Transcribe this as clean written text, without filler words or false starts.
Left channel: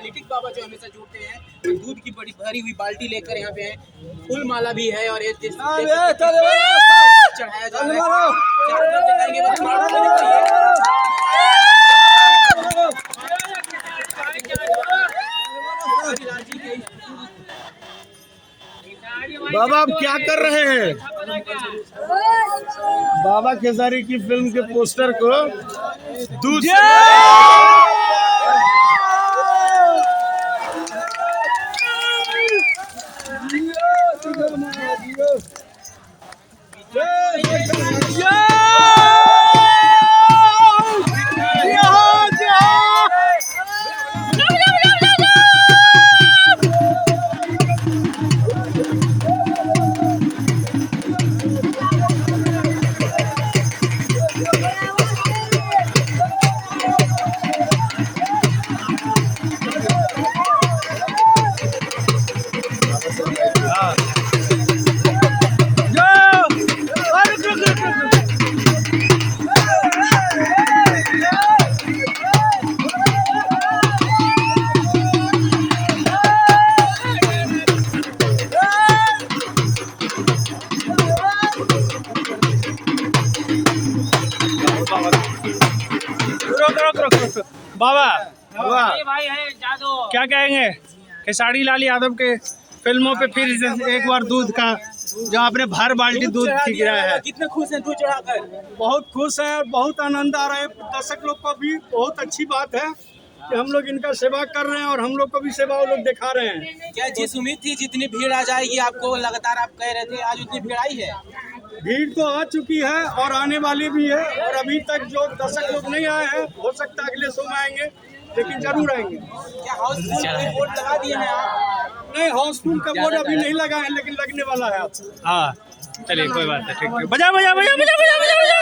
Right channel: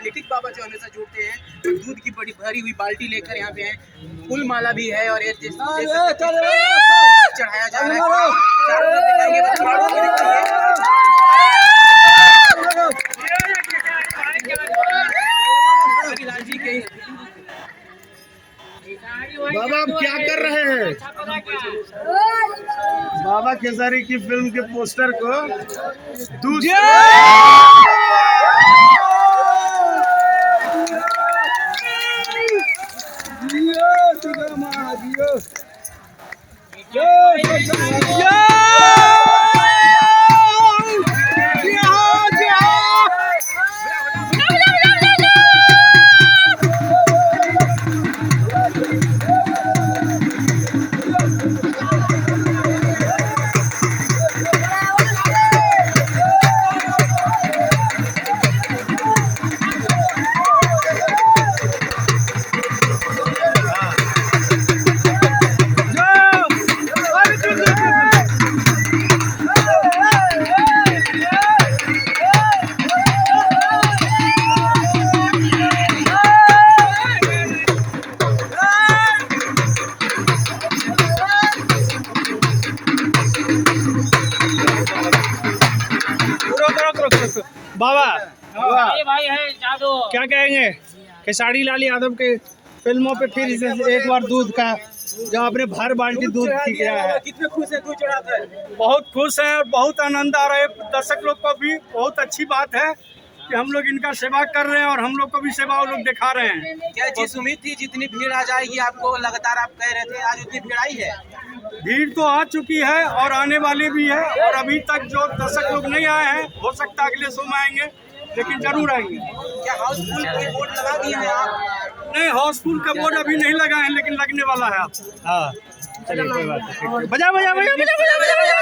एनालिटिक बाबा जो हमेशा जुड़ते हैं, दूध की बड़ी भरी हुई बाल्टी लेकर यहाँ पे हैं, फूल माला भी है और ये चढ़ाया जा रहा है। चारों तरफ दिखाएंगे, बस क्राउड में दिखाइए। बाबा आप क्या कर रहे हैं? बाबा खेसारी की फिल्म के पोस्टर को दूध बाबा क्या कहेंगे खेसारी लाल यादव के फिल्मों पे फिर एक बार दूध का जो आपने भर बाल्टी दूध ठीक रहा है? कितने खुश हैं दूध चढ़ाकर? बहुत खुश हैं और बहुत आनंद आ रहा है। दर्शक लोग को भी बहुत अच्छी बात है कि हम लोग इनका सेवा कर रहे हैं और हम लोग को भी सेवा वो लोग दिखा रहे हैं। क्या जिस उम्मीद थी जितनी भीड़ आ जाएगी आपको, लगातार आप कह रहे थे, आज उतनी भीड़ आई है? भीड़ तो आ चुकी है और आने वाली भी है, और अभी तक जो दर्शक लोग नहीं आए हैं हो सकता है अगले शो में आएंगे, लेकिन जरूर आएंगे। क्या हाउसफुल के बोर्ड लगा दिए हैं आप? नहीं, हाउसफुल का बोर्ड अभी नहीं लगा है, लेकिन लगने वाला है। आप हाँ चलिए कोई बात नहीं, ठीक है। बजा बजा बजा बजा बजा बजा बजा।